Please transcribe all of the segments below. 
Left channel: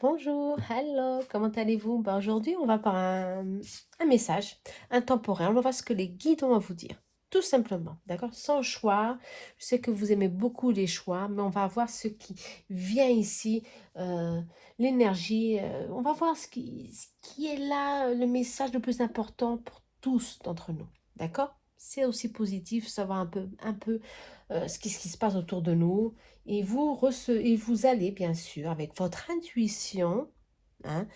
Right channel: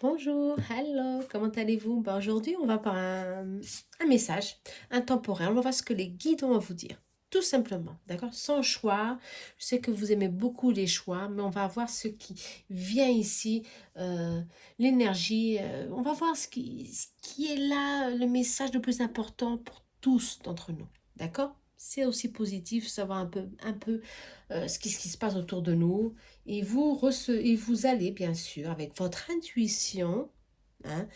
Bonjour, hello, comment allez-vous? Aujourd'hui, on va par un message intemporel. On va voir ce que les guides ont à vous dire. Tout simplement, d'accord? Sans choix. Je sais que vous aimez beaucoup les choix, mais on va voir ce qui vient ici, euh, l'énergie. On va voir ce qui est là, le message le plus important pour tous d'entre nous. D'accord? C'est aussi positif, savoir un peu ce qui se passe autour de nous. Et vous allez, bien sûr, avec votre intuition, hein,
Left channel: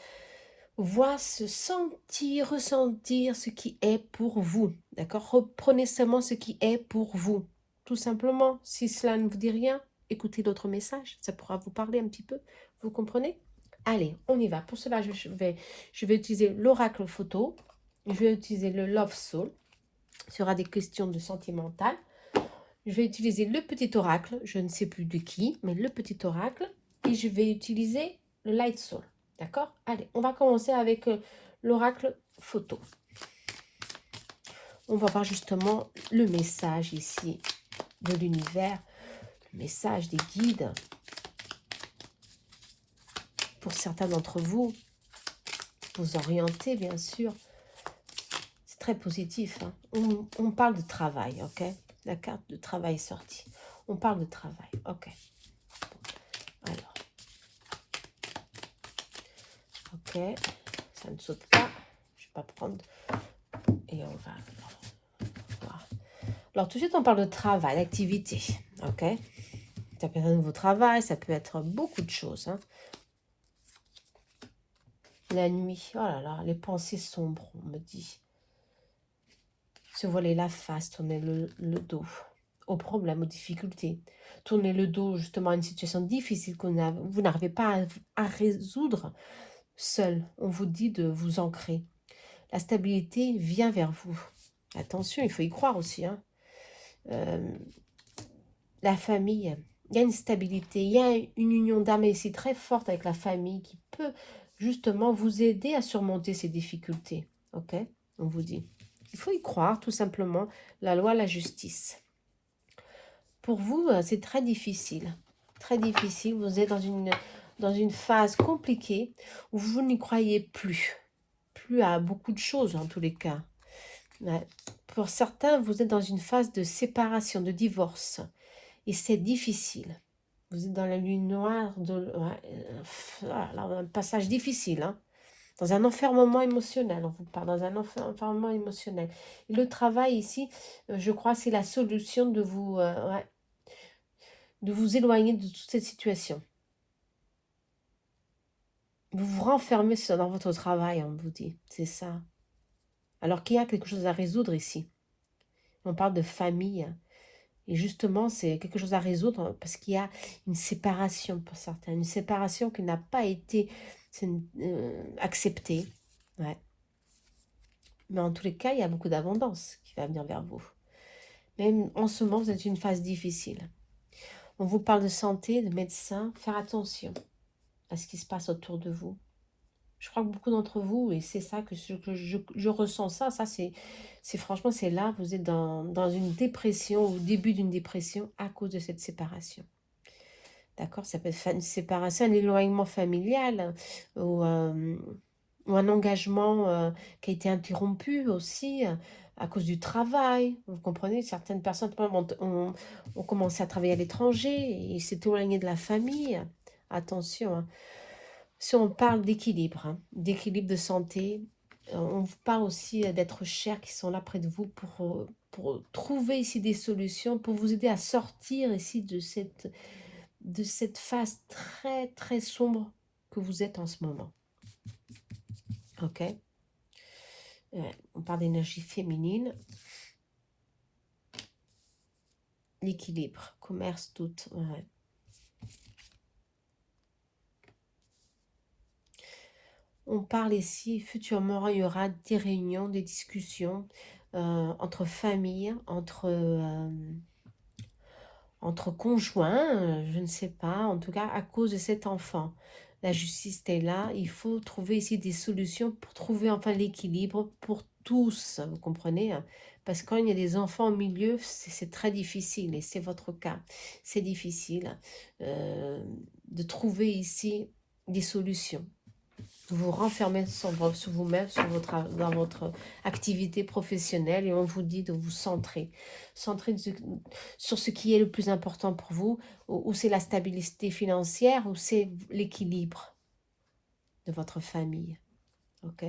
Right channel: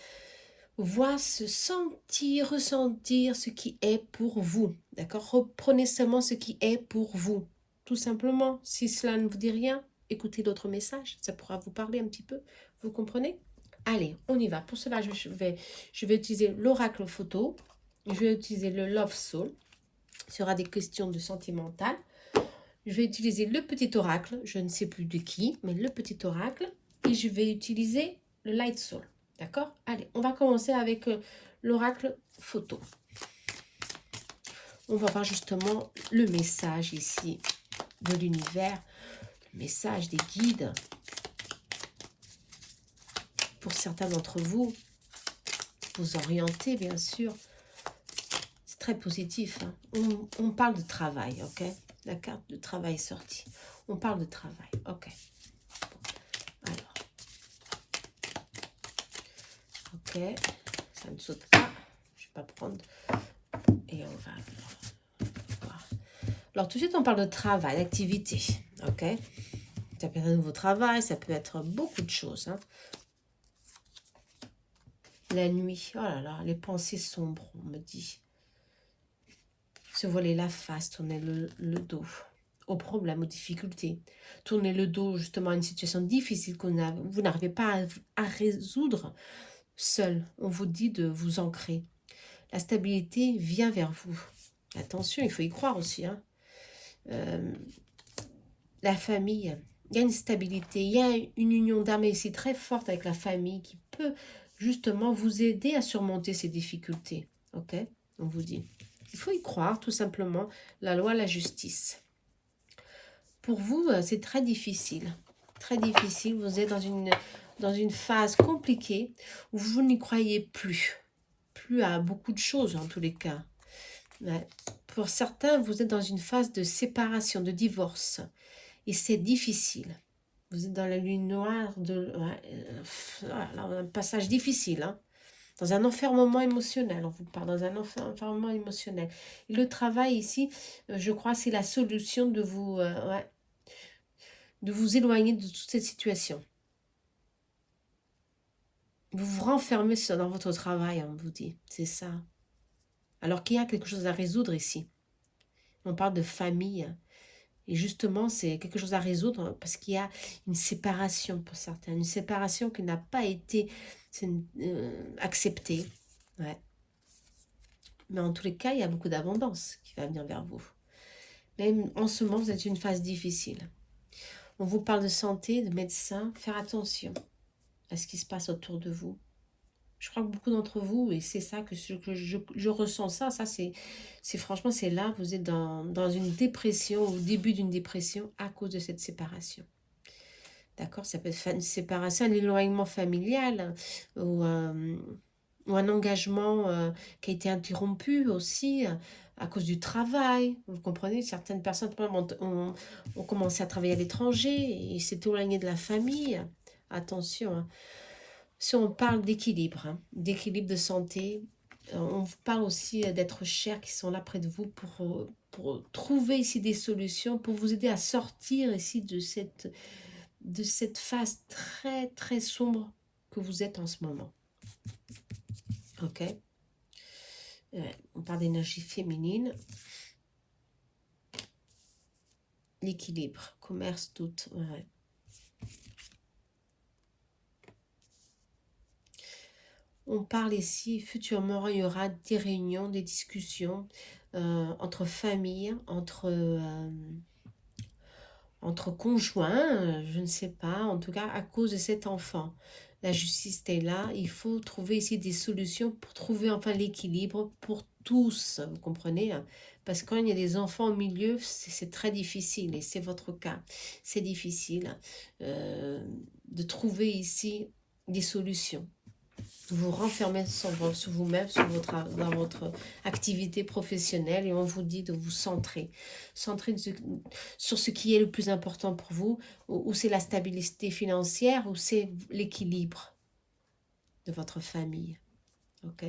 voir, se sentir, ressentir ce qui est pour vous. D'accord? Reprenez seulement ce qui est pour vous. Tout simplement. Si cela ne vous dit rien, écoutez d'autres messages. Ça pourra vous parler un petit peu. Vous comprenez? Allez, on y va. Pour cela, je vais utiliser l'oracle photo. Je vais utiliser le Love Soul. Ce sera des questions de sentimentales. Je vais utiliser le petit oracle, je ne sais plus de qui, mais le petit oracle. Et je vais utiliser le Light Soul. D'accord? Allez, on va commencer avec l'oracle photo. On va voir justement le message ici de l'univers, le message des guides. Pour certains d'entre vous, vous orienter bien sûr. C'est très positif. Hein. On parle de travail, ok? La carte de travail est sortie. On parle de travail, ok. Alors, ok. Ça ne saute pas. Je ne vais pas prendre. Et on va voir. Alors, tout de suite, on parle de travail, d'activité. Ok? Ça peut être un nouveau travail, ça peut être beaucoup de choses. Hein. La nuit, oh là là, les pensées sombres, on me dit. Se voiler la face, tourner le dos aux problèmes, aux difficultés. Tourner le dos justement à une situation difficile que vous n'arrivez pas à résoudre seul. On vous dit de vous ancrer. La stabilité vient vers vous. Attention, il faut y croire aussi. Hein. La famille, il y a une stabilité, il y a une union d'âme ici très forte avec la famille qui peut justement vous aider à surmonter ces difficultés. Ok? On vous dit. Il faut y croire, tout simplement. La loi, la justice. Pour vous, c'est très difficile. Très difficile. Vous êtes dans une phase compliquée où vous n'y croyez plus. Plus à beaucoup de choses, en tous les cas. Ouais. Pour certains, vous êtes dans une phase de séparation, de divorce. Et c'est difficile. Vous êtes dans la lune noire, alors, un passage difficile, hein, dans un enfermement émotionnel, on vous parle, dans un enfermement émotionnel. Et le travail ici, je crois, c'est la solution de vous éloigner de toute cette situation. Vous vous renfermez dans votre travail, on vous dit, c'est ça. Alors qu'il y a quelque chose à résoudre ici. On parle de famille, et justement, c'est quelque chose à résoudre parce qu'il y a une séparation pour certains, une séparation qui n'a pas été acceptée. Ouais. Mais en tous les cas, il y a beaucoup d'abondance qui va venir vers vous. Même en ce moment, vous êtes une phase difficile. On vous parle de santé, de médecin. Faire attention à ce qui se passe autour de vous. Je crois que beaucoup d'entre vous, et c'est ça que je ressens ça c'est franchement, c'est là, vous êtes dans une dépression, au début d'une dépression à cause de cette séparation. D'accord? Ça peut être une séparation, un éloignement familial ou un engagement qui a été interrompu aussi à cause du travail. Vous comprenez? Certaines personnes par exemple, ont commencé à travailler à l'étranger et s'est éloignées de la famille. Attention, hein. Si on parle d'équilibre, hein, d'équilibre de santé, on vous parle aussi d'êtres chers qui sont là près de vous pour trouver ici des solutions, pour vous aider à sortir ici de cette phase très, très sombre que vous êtes en ce moment. Ok? On parle d'énergie féminine. L'équilibre, commerce, tout. Ouais. On parle ici, futurement, il y aura des réunions, des discussions entre familles, entre conjoints, je ne sais pas, en tout cas à cause de cet enfant. La justice est là, il faut trouver ici des solutions pour trouver enfin l'équilibre pour tous, vous comprenez? Hein. Parce que quand il y a des enfants au milieu, c'est très difficile, et c'est votre cas. C'est difficile de trouver ici des solutions. Vous renfermez sur vous-même, dans votre activité professionnelle et on vous dit de vous centrer. Centrer sur ce qui est le plus important pour vous, ou c'est la stabilité financière, ou c'est l'équilibre de votre famille. Ok?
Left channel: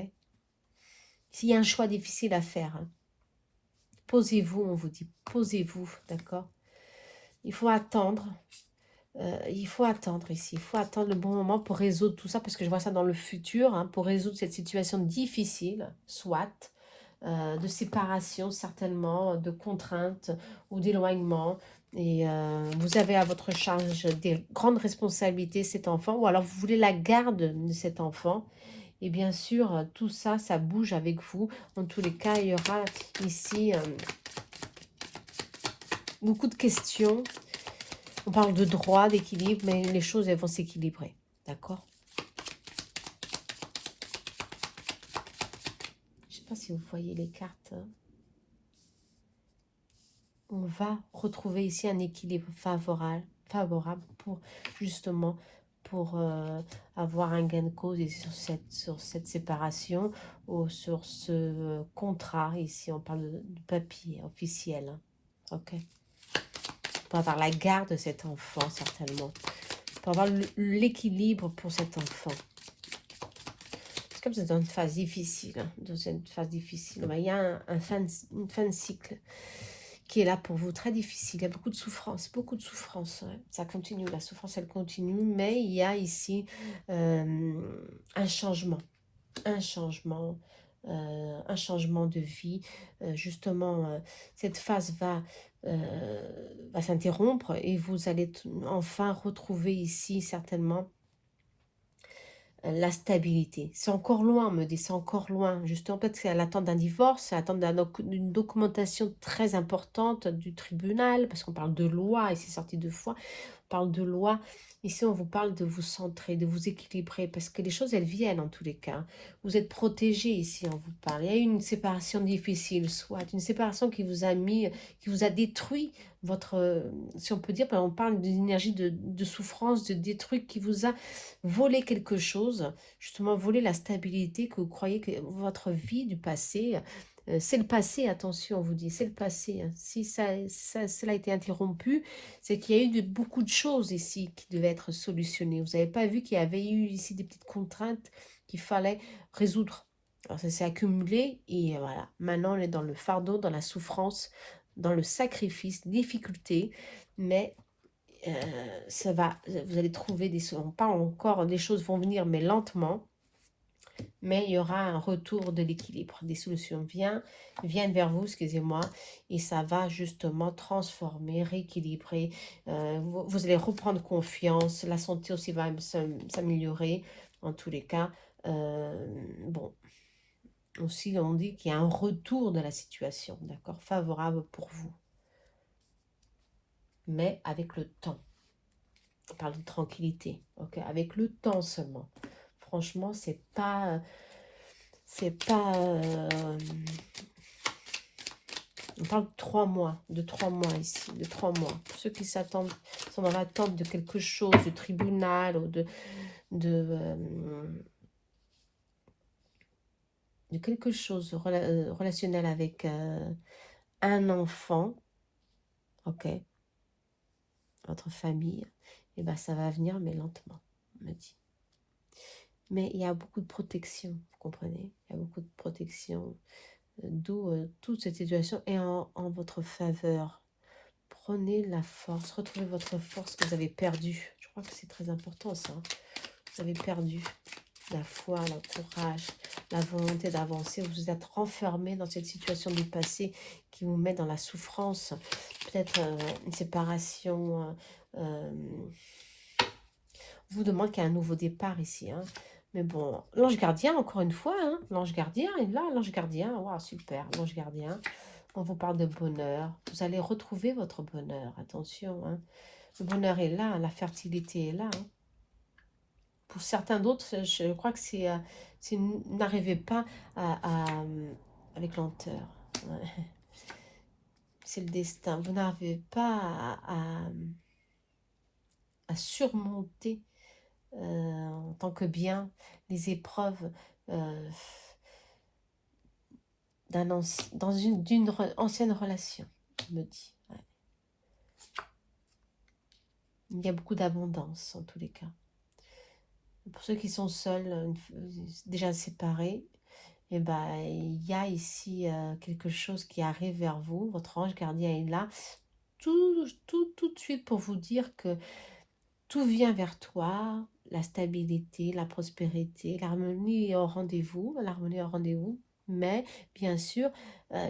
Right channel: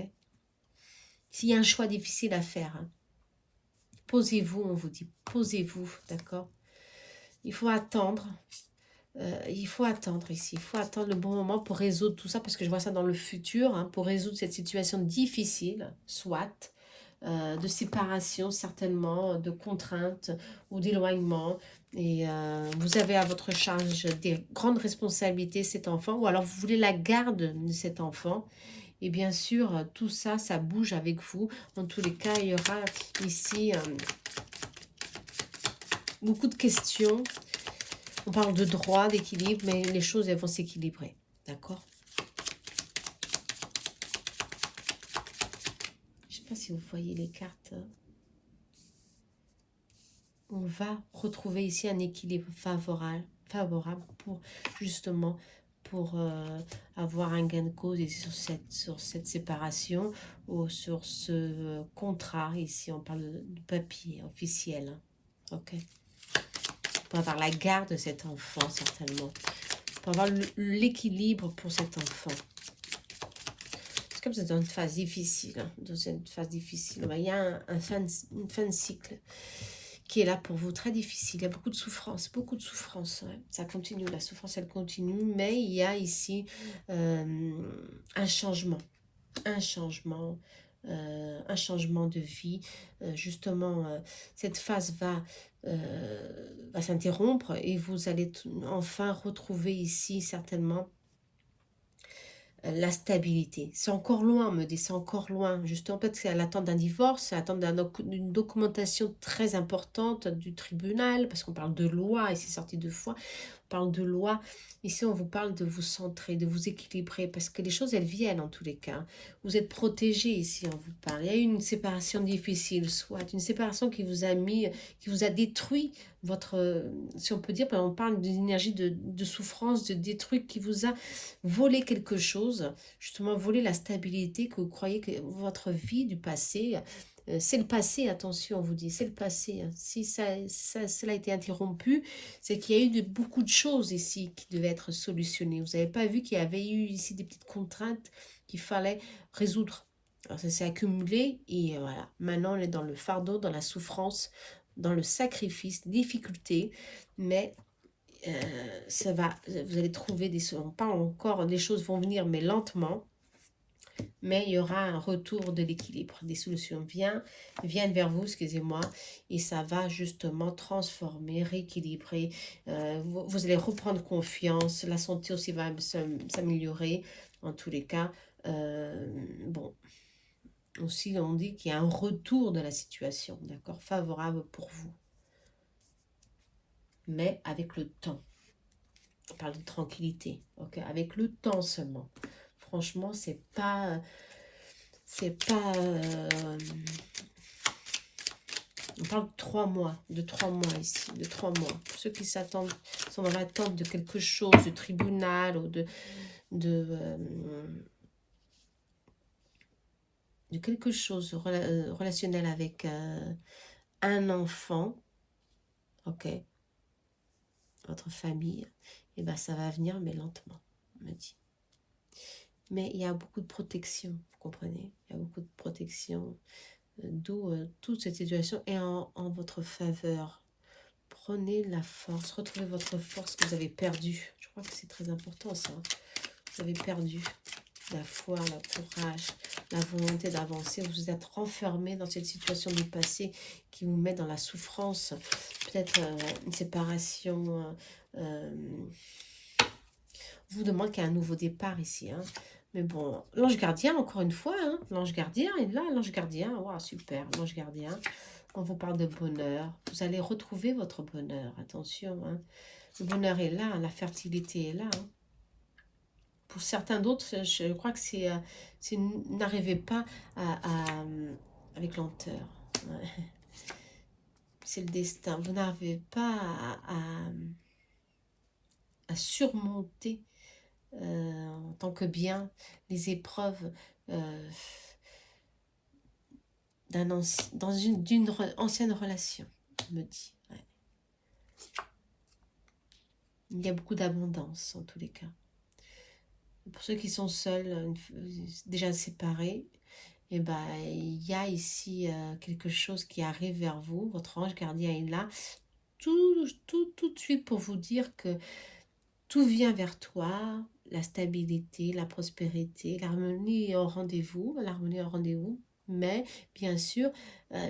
S'il y a un choix difficile à faire, hein, posez-vous, on vous dit, posez-vous, d'accord? Il faut attendre. Il faut attendre ici, il faut attendre le bon moment pour résoudre tout ça, parce que je vois ça dans le futur, hein, pour résoudre cette situation difficile, soit de séparation certainement, de contraintes ou d'éloignement. Et vous avez à votre charge des grandes responsabilités, cet enfant, ou alors vous voulez la garde de cet enfant. Et bien sûr, tout ça, ça bouge avec vous. En tous les cas, il y aura ici beaucoup de questions. On parle de droit, d'équilibre, mais les choses, elles vont s'équilibrer. D'accord? Je ne sais pas si vous voyez les cartes. On va retrouver ici un équilibre favorable pour, justement, pour avoir un gain de cause ici sur cette séparation, ou sur ce contrat. Ici, on parle de papier officiel. Ok? Pour avoir la garde de cet enfant, certainement. Pour avoir l'équilibre pour cet enfant. C'est comme c'est dans une phase difficile. Dans une phase difficile. Il y a une fin de cycle qui est là pour vous, très difficile. Il y a beaucoup de souffrance, beaucoup de souffrance. Ouais. Ça continue, la souffrance, elle continue. Mais il y a ici un changement. Un changement. Un changement de vie. Justement, cette phase va s'interrompre et vous allez enfin retrouver ici certainement la stabilité. C'est encore loin, me dit, c'est encore loin. Justement, peut-être c'est à l'attente d'un divorce, c'est à l'attente d'une documentation très importante du tribunal, parce qu'on parle de loi, et c'est sorti 2 fois, on parle de loi. Ici, on vous parle de vous centrer, de vous équilibrer, parce que les choses, elles viennent en tous les cas. Vous êtes protégé ici, on vous parle. Il y a eu une séparation difficile, soit une séparation qui vous a mis, qui vous a détruit votre, si on peut dire, on parle d'une énergie de souffrance, de détruit, qui vous a volé quelque chose, justement voler la stabilité que vous croyez que votre vie du passé, c'est le passé, attention, on vous dit, c'est le passé. Hein. Si cela a été interrompu, c'est qu'il y a eu beaucoup de choses ici qui devaient être solutionnées. Vous n'avez pas vu qu'il y avait eu ici des petites contraintes qu'il fallait résoudre. Alors ça s'est accumulé et voilà, maintenant on est dans le fardeau, dans la souffrance, dans le sacrifice, difficulté, mais ça va, vous allez trouver on parle encore, les choses vont venir mais lentement, mais il y aura un retour de l'équilibre, des solutions viennent vers vous, excusez-moi, et ça va justement transformer, rééquilibrer, vous allez reprendre confiance, la santé aussi va s'améliorer, en tous les cas, bon, aussi on dit qu'il y a un retour de la situation, d'accord, favorable pour vous, mais avec le temps. On parle de tranquillité, ok, avec le temps seulement. Franchement, c'est pas, on parle de 3 mois ici, de 3 mois. Pour ceux qui s'attendent, sont dans l'attente de quelque chose, de tribunal ou de quelque chose relationnel avec un enfant, ok, votre famille, et ben ça va venir, mais lentement, on me dit. Mais il y a beaucoup de protection, vous comprenez? Il y a beaucoup de protection, d'où toute cette situation est en votre faveur. Prenez la force, retrouvez votre force que vous avez perdue. Je crois que c'est très important ça. Vous avez perdu la foi, le courage, la volonté d'avancer. Vous êtes renfermé dans cette situation du passé qui vous met dans la souffrance. Peut-être une séparation. Vous demande qu'il y a un nouveau départ ici. Hein. Mais bon, l'ange gardien, encore une fois, hein, l'ange gardien est là, l'ange gardien, wow, super, l'ange gardien. On vous parle de bonheur. Vous allez retrouver votre bonheur, attention. Hein. Le bonheur est là, la fertilité est là. Hein. Pour certains d'autres, je crois que n'arrivez pas avec lenteur. C'est le destin. Vous n'arrivez pas à surmonter en tant que bien, les épreuves d'une ancienne relation, on me dit. Ouais. Il y a beaucoup d'abondance en tous les cas. Pour ceux qui sont seuls, déjà séparés, eh ben, il y a ici quelque chose qui arrive vers vous. Votre ange gardien est là tout de suite pour vous dire que tout vient vers toi, la stabilité, la prospérité, l'harmonie est au rendez-vous, mais bien sûr,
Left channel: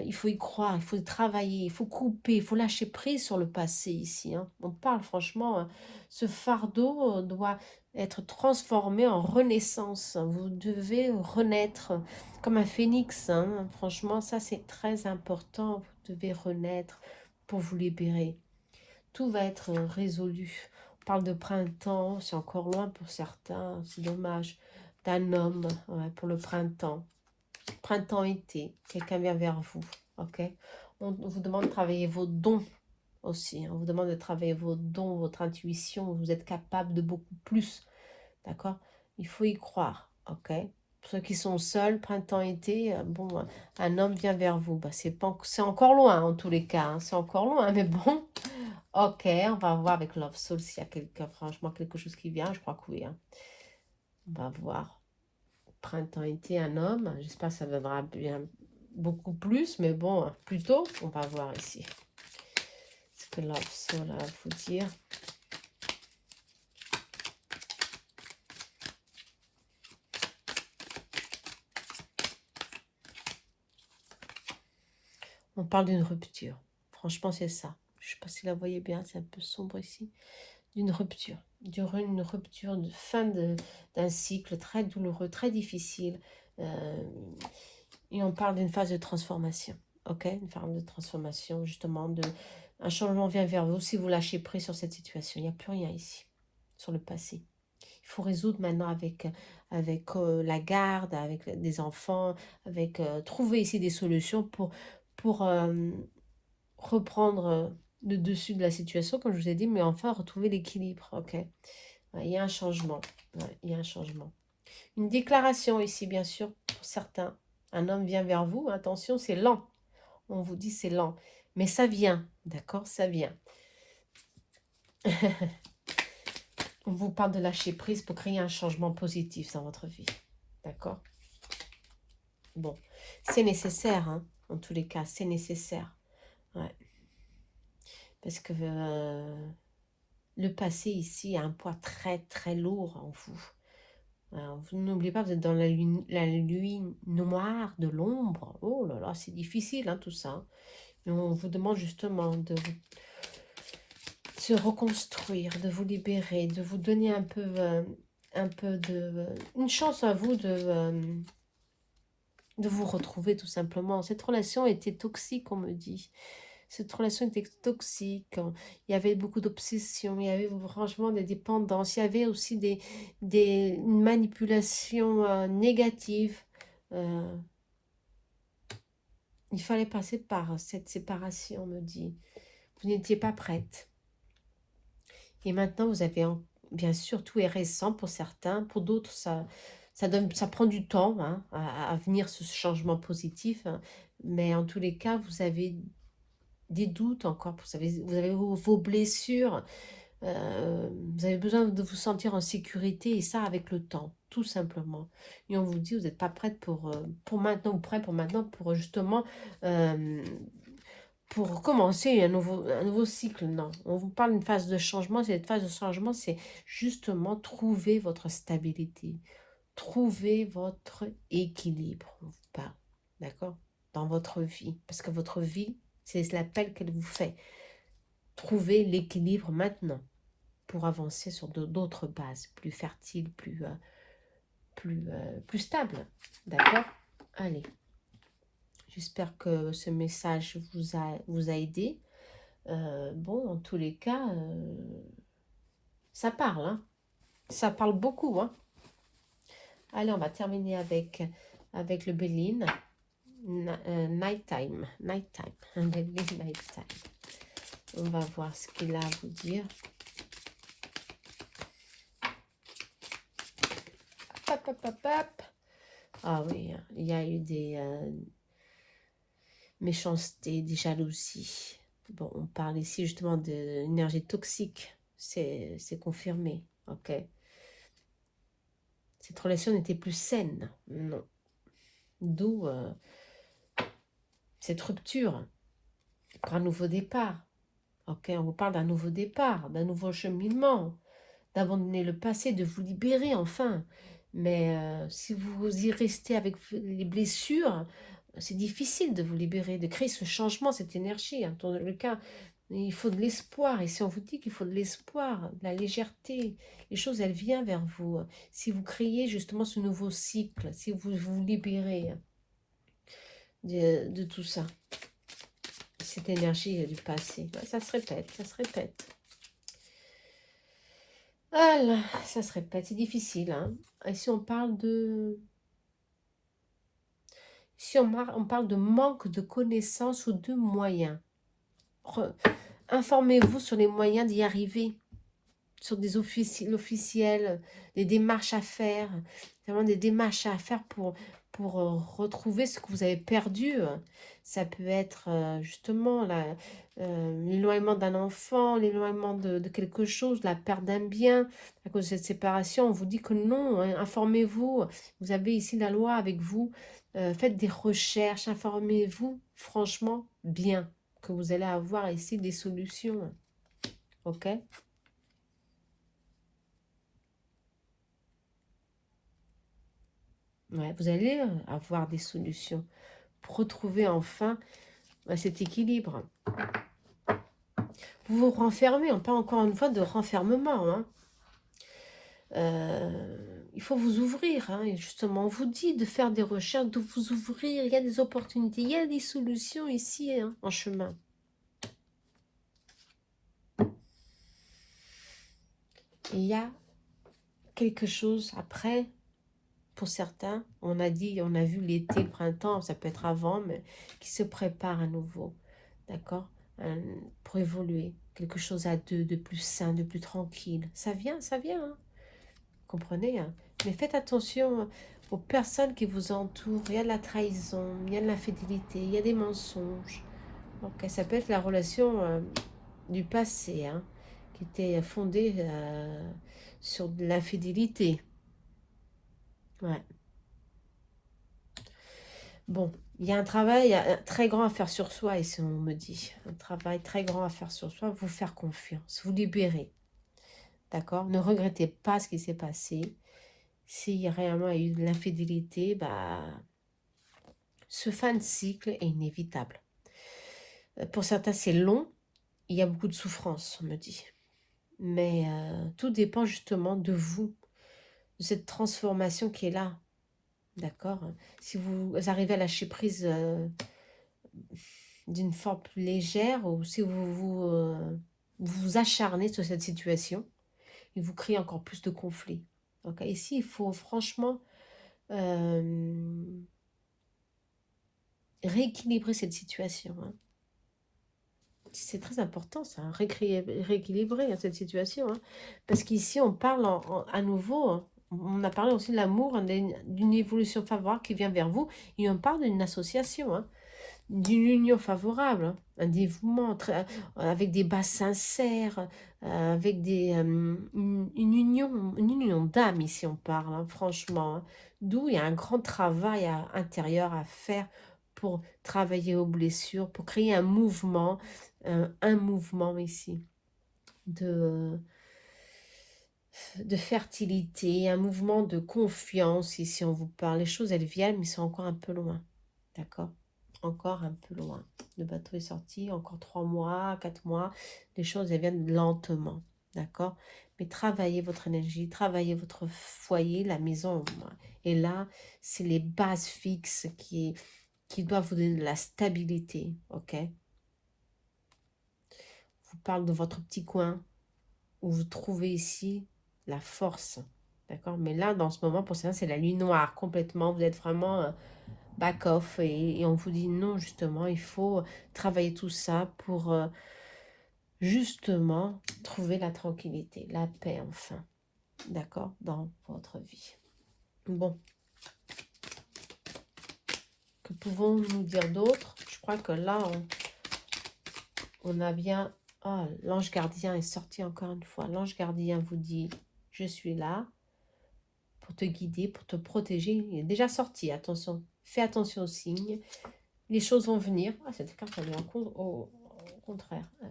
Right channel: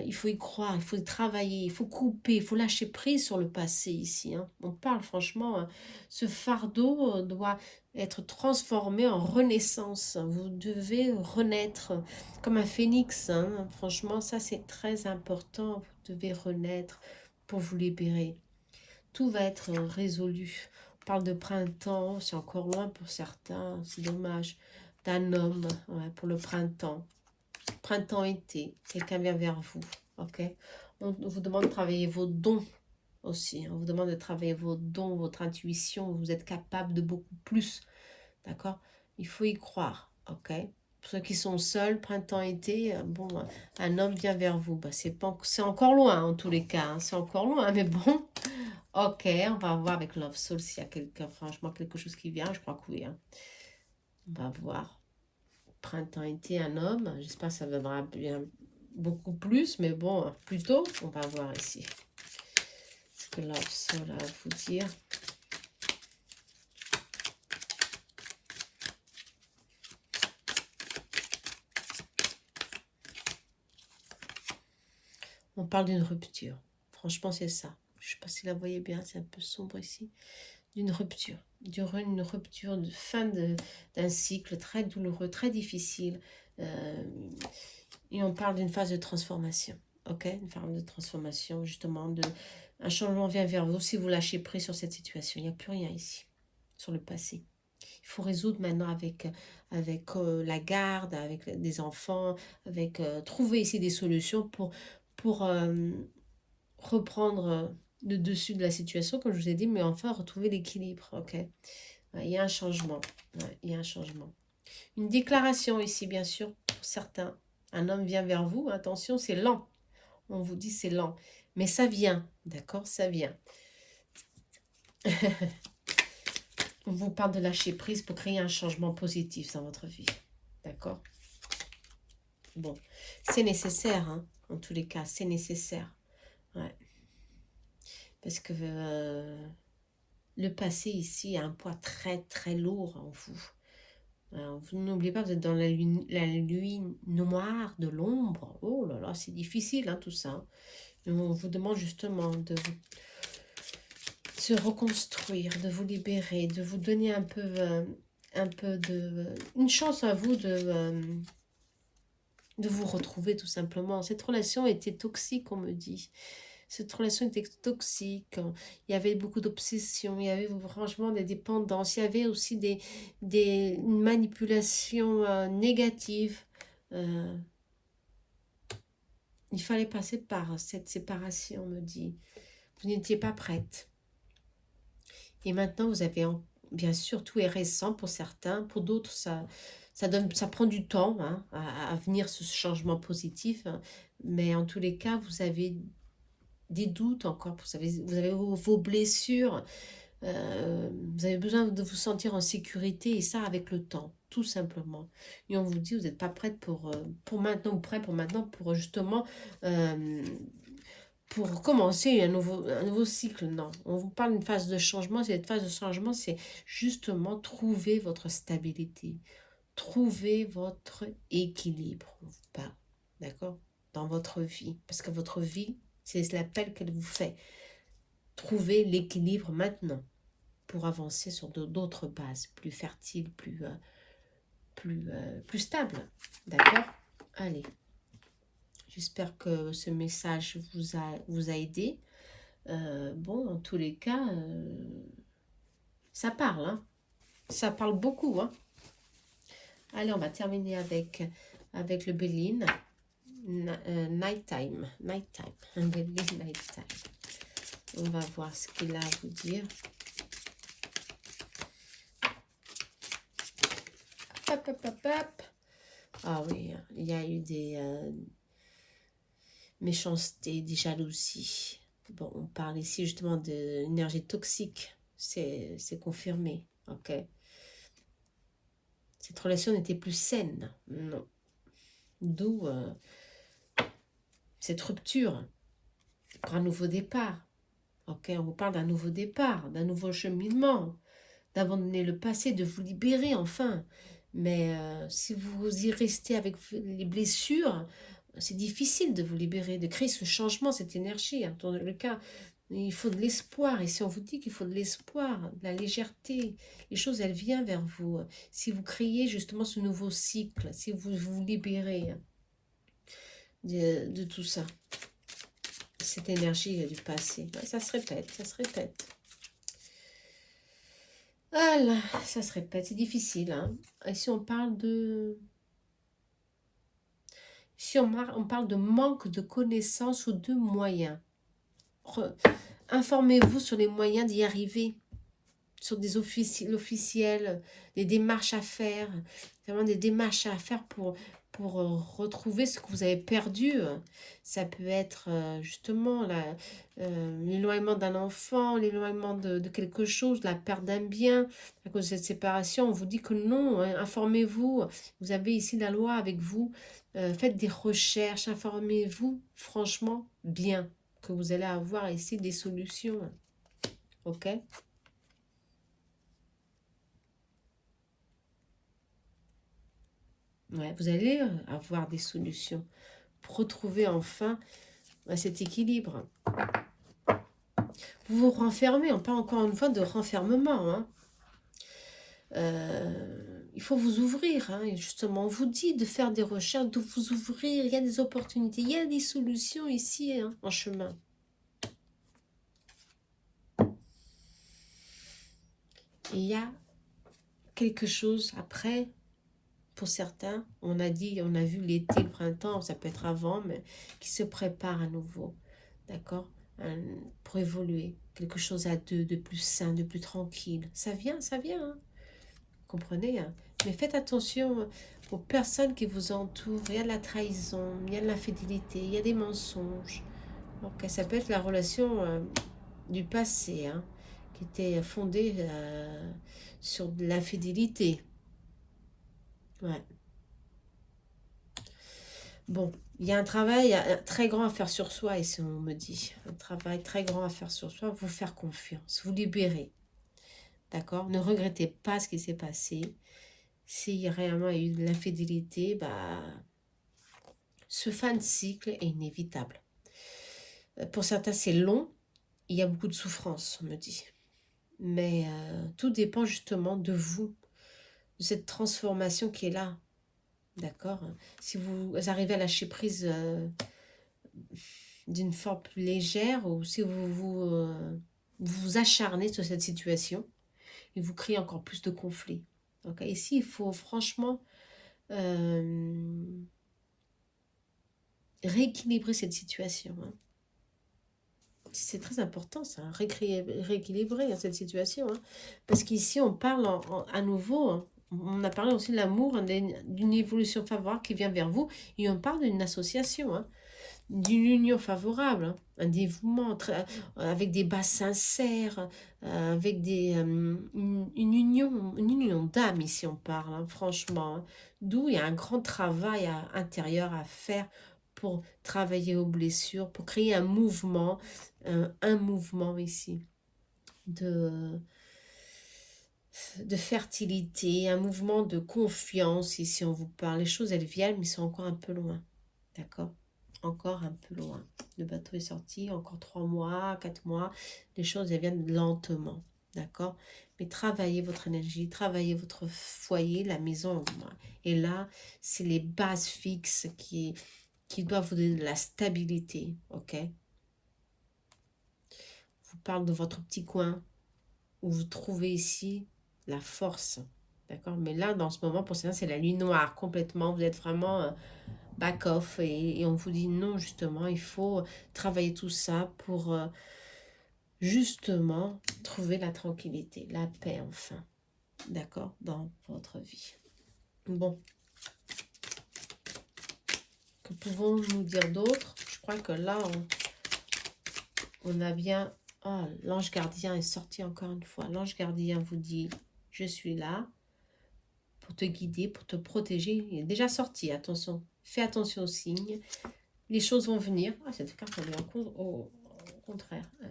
il faut y croire, il faut y travailler, il faut couper, il faut lâcher prise sur le passé ici, hein. On parle franchement, ce fardeau doit être transformé en renaissance. Vous devez renaître comme un phénix, hein. Franchement, ça c'est très important. Vous devez renaître pour vous libérer. Tout va être résolu. On parle de printemps, c'est encore loin pour certains, c'est dommage. D'un homme, ouais, pour le printemps. Printemps-été, quelqu'un vient vers vous, ok? On vous demande de travailler vos dons aussi, hein. On vous demande de travailler vos dons, votre intuition, vous êtes capable de beaucoup plus, d'accord? Il faut y croire, ok? Pour ceux qui sont seuls, printemps-été, bon, un homme vient vers vous. Bah, c'est encore loin en tous les cas, hein. C'est encore loin, mais bon, ok, on va voir avec Love Soul s'il y a franchement quelque chose qui vient. Je crois que oui, hein. On va voir. Printemps-été, un homme. J'espère que ça viendra bien beaucoup plus, mais bon, plutôt, on va voir ici. Ce que Love Soul a à vous dire. On parle d'une rupture. Franchement, c'est ça. Je ne sais pas si la voyez bien, c'est un peu sombre ici. D'une rupture. Une rupture de fin d'un cycle très douloureux, très difficile. Et on parle d'une phase de transformation. Ok, une phase de transformation, justement. Un changement vient vers vous si vous lâchez prise sur cette situation. Il n'y a plus rien ici, sur le passé. Il faut résoudre maintenant avec la garde, avec des enfants, trouver ici des solutions pour reprendre le dessus de la situation, comme je vous ai dit, mais enfin retrouver l'équilibre. Ok, il y a un changement. Ouais, il y a un changement. Une déclaration ici, bien sûr, pour certains. Un homme vient vers vous, attention, c'est lent. On vous dit c'est lent, mais ça vient, d'accord? Ça vient. On vous parle de lâcher prise pour créer un changement positif dans votre vie, d'accord? Bon, c'est nécessaire, hein, en tous les cas, c'est nécessaire. Ouais. Parce que le passé ici a un poids très très lourd en vous. Alors, vous n'oubliez pas, vous êtes dans la nuit noire de l'ombre. Oh là là, c'est difficile, hein, tout ça, hein. Et on vous demande justement de se reconstruire, de vous libérer, de vous donner un peu une chance à vous de vous retrouver tout simplement. Cette relation était toxique, on me dit. Cette relation était toxique. Il y avait beaucoup d'obsessions, il y avait franchement des dépendances, il y avait aussi une manipulation négative. Il fallait passer par cette séparation, on me dit. Vous n'étiez pas prête. Et maintenant, vous avez, bien sûr, tout est récent pour certains. Pour d'autres, ça prend du temps, hein, à venir ce changement positif. Mais en tous les cas, vous avez des doutes encore. Vous avez vos blessures. Vous avez besoin de vous sentir en sécurité. Et ça, avec le temps, tout simplement. Et on vous dit, vous n'êtes pas prête pour maintenant, ou prêt pour maintenant, pour justement... pour commencer un nouveau cycle. Non, on vous parle d'une phase de changement. Cette phase de changement, c'est justement trouver votre stabilité, trouver votre équilibre, on vous parle, d'accord, dans votre vie. Parce que votre vie, c'est l'appel qu'elle vous fait. Trouver l'équilibre maintenant pour avancer sur d'autres bases, plus fertiles, plus stables, d'accord. Allez, j'espère que ce message vous a aidé. Bon, en tous les cas, ça parle, hein. Ça parle beaucoup, hein. Allez, on va terminer avec le Béline. Nighttime. Nighttime. Béline Nighttime. On va voir ce qu'il a à vous dire. hop, hop, hop, hop. Ah oui, il y a eu des méchancetés, des jalousies. Bon, on parle ici justement d'énergie toxique. C'est confirmé, ok. Cette relation n'était plus saine, non. D'où cette rupture pour un nouveau départ. Ok, on vous parle d'un nouveau départ, d'un nouveau cheminement, d'abandonner le passé, de vous libérer enfin. Mais si vous y restez avec les blessures, c'est difficile de vous libérer, de créer ce changement, cette énergie. Hein. Dans le cas, il faut de l'espoir. Et si on vous dit qu'il faut de l'espoir, de la légèreté, les choses, elles viennent vers vous. Si vous créez justement ce nouveau cycle, si vous vous libérez de tout ça, cette énergie du passé. Ouais, ça se répète, ça se répète. Voilà, ça se répète, c'est difficile. Hein. Et si on parle de... Si on parle de manque de connaissances ou de moyens, informez-vous sur les moyens d'y arriver, sur des officiels, des démarches à faire, vraiment des démarches à faire pour retrouver ce que vous avez perdu. Ça peut être justement l'éloignement d'un enfant, l'éloignement de quelque chose, la perte d'un bien, à cause de cette séparation. On vous dit que non, hein, informez-vous. Vous avez ici la loi avec vous. Faites des recherches, informez-vous franchement bien, que vous allez avoir ici des solutions. Ok? Ouais, vous allez avoir des solutions pour retrouver enfin cet équilibre. Vous vous renfermez, on parle encore une fois de renfermement. Hein. Il faut vous ouvrir. Hein, et justement, on vous dit de faire des recherches, de vous ouvrir. Il y a des opportunités, il y a des solutions ici hein, en chemin. Et il y a quelque chose après. Pour certains, on a dit, on a vu l'été, le printemps, ça peut être avant, mais qui se prépare à nouveau. D'accord, pour évoluer. Quelque chose à deux, de plus sain, de plus tranquille. Ça vient, hein. Comprenez hein. Mais faites attention aux personnes qui vous entourent. Il y a de la trahison, il y a de l'infidélité, il y a des mensonges. Donc, ça peut être la relation du passé, hein, qui était fondée sur de l'infidélité. Ouais. Bon, il y a un travail très grand à faire sur soi, ici on me dit. Un travail très grand à faire sur soi, vous faire confiance, vous libérer. D'accord? Ne regrettez pas ce qui s'est passé. S'il réellement il y a eu de l'infidélité, bah, ce fin de cycle est inévitable. Pour certains, c'est long. Il y a beaucoup de souffrance, on me dit. Mais tout dépend justement de vous, de cette transformation qui est là. D'accord? Si vous arrivez à lâcher prise d'une forme plus légère ou si vous acharnez sur cette situation et vous créez encore plus de conflits. Donc ici, il faut franchement rééquilibrer cette situation. Hein. C'est très important ça, rééquilibrer hein, cette situation. Hein. Parce qu'ici, on parle à nouveau, hein, on a parlé aussi de l'amour, hein, d'une évolution favorable qui vient vers vous et on parle d'une association. Hein. D'une union favorable, hein, un dévouement avec des bases sincères, avec une union d'âme ici on parle, hein, franchement. Hein. D'où il y a un grand travail intérieur à faire pour travailler aux blessures, pour créer un mouvement ici de fertilité, un mouvement de confiance ici on vous parle. Les choses elles viennent mais c'est encore un peu loin, d'accord? Encore un peu loin. Le bateau est sorti, encore 3 mois, 4 mois. Les choses elles viennent lentement, d'accord? Mais travaillez votre énergie, travaillez votre foyer, la maison. Et là, c'est les bases fixes qui doivent vous donner de la stabilité, ok? Je vous parle de votre petit coin où vous trouvez ici la force, d'accord? Mais là, dans ce moment, pour certains, c'est la nuit noire complètement. Vous êtes vraiment back off et on vous dit non, justement, il faut travailler tout ça pour justement trouver la tranquillité, la paix enfin, d'accord, dans votre vie. Bon, que pouvons-nous dire d'autre? Je crois que là, on a bien... Oh, l'ange gardien est sorti encore une fois. L'ange gardien vous dit, je suis là pour te guider, pour te protéger. Il est déjà sorti, attention. Fais attention aux signes. Les choses vont venir. Ah, cette carte, elle est au contraire. Ah,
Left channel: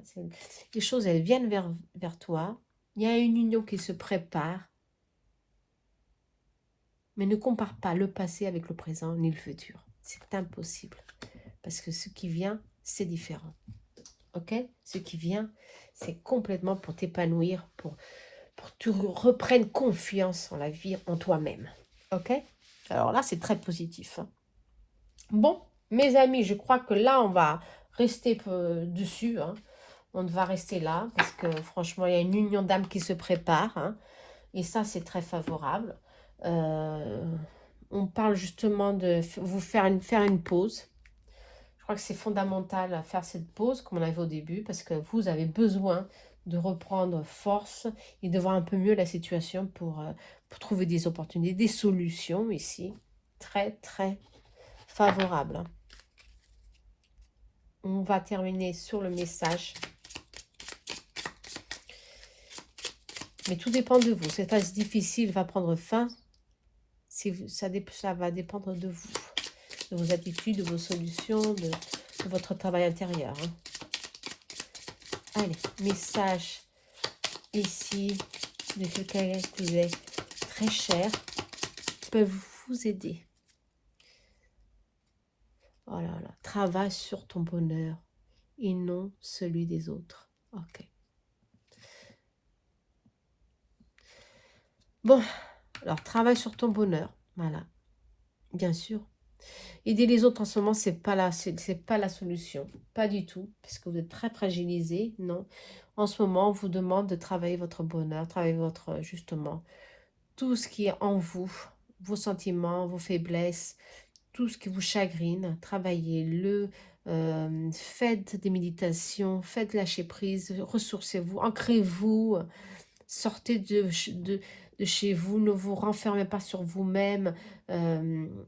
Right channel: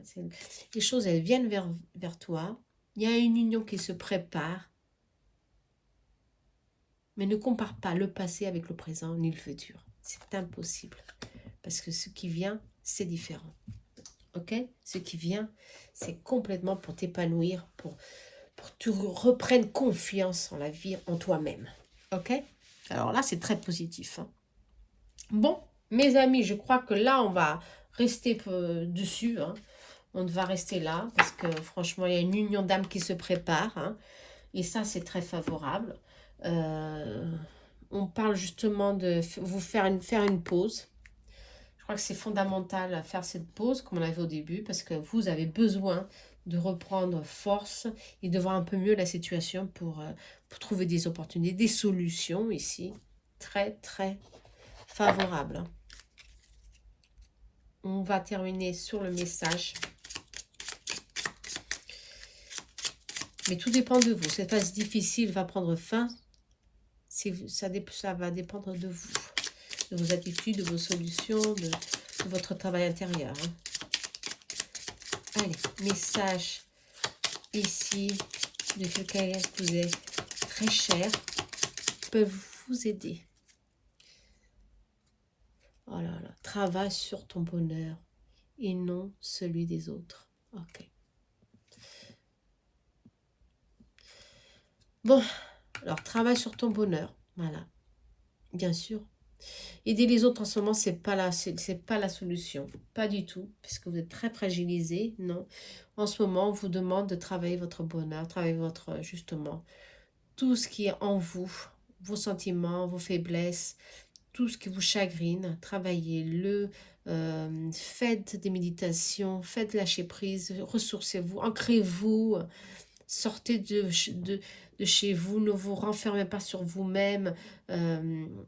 les choses, elles viennent vers toi. Il y a une union qui se prépare. Mais ne compare pas le passé avec le présent ni le futur. C'est impossible. Parce que ce qui vient, c'est différent. Ok? Ce qui vient, c'est complètement pour t'épanouir, pour que tu reprennes confiance en la vie, en toi-même. Ok? Alors là, c'est très positif. Hein. Bon, mes amis, je crois que là, on va rester dessus. Hein. On va rester là parce que franchement, il y a une union d'âme qui se prépare. Hein, et ça, c'est très favorable. On parle justement de vous faire une pause. Je crois que c'est fondamental à faire cette pause, comme on l'avait au début, parce que vous avez besoin de reprendre force et de voir un peu mieux la situation pour trouver des opportunités, des solutions ici. Très, très favorable. On va terminer sur le message. Mais tout dépend de vous. Cette phase difficile va prendre fin. Ça va dépendre de vous, de vos attitudes, de vos solutions, de votre travail intérieur. Hein. Allez, message ici de quelqu'un qui vous est très cher, peuvent vous aider. Oh là là, travaille sur ton bonheur et non celui des autres. Ok. Bon, alors travaille sur ton bonheur. Voilà, bien sûr. Aider les autres en ce moment, c'est pas la solution. Pas du tout, parce que vous êtes très fragilisé. Non. En ce moment, on vous demande de travailler votre bonheur, travailler votre, justement, tout ce qui est en vous, vos sentiments, vos faiblesses, tout ce qui vous chagrine, travaillez-le, faites des méditations, faites lâcher prise, ressourcez-vous, ancrez-vous, sortez de chez vous, ne vous renfermez pas sur vous-même,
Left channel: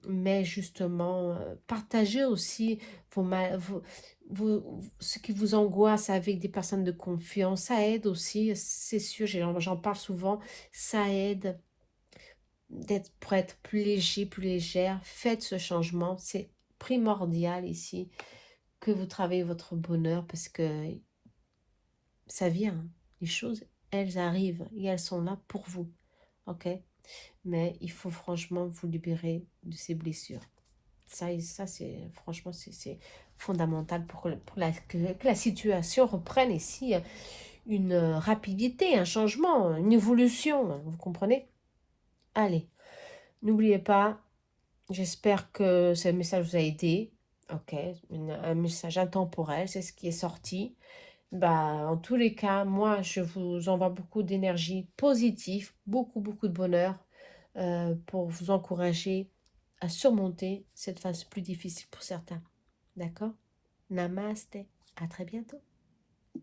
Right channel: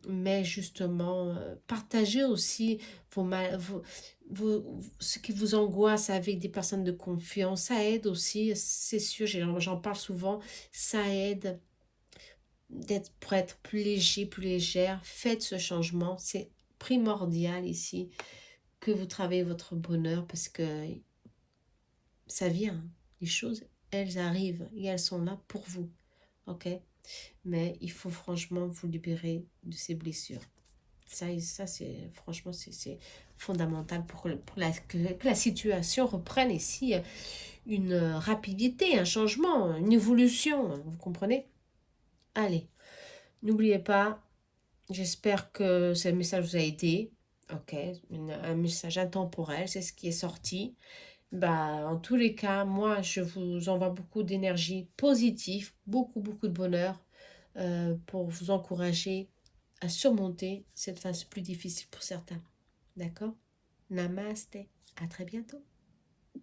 mais justement, partagez aussi ce qui vous angoisse avec des personnes de confiance. Ça aide aussi, c'est sûr, j'en parle souvent, ça aide pour être plus léger, plus légère. Faites ce changement, c'est primordial ici que vous travaillez votre bonheur parce que ça vient, hein. Les choses, elles arrivent et elles sont là pour vous, ok? Mais il faut franchement vous libérer de ces blessures. Ça c'est franchement, c'est fondamental pour que la situation reprenne ici une rapidité, un changement, une évolution, vous comprenez? Allez, n'oubliez pas, j'espère que ce message vous a aidé. Ok, un message intemporel, c'est ce qui est sorti. Bah, en tous les cas, moi, je vous envoie beaucoup d'énergie positive, beaucoup, beaucoup de bonheur pour vous encourager à surmonter cette phase plus difficile pour certains. D'accord? Namaste. À très bientôt.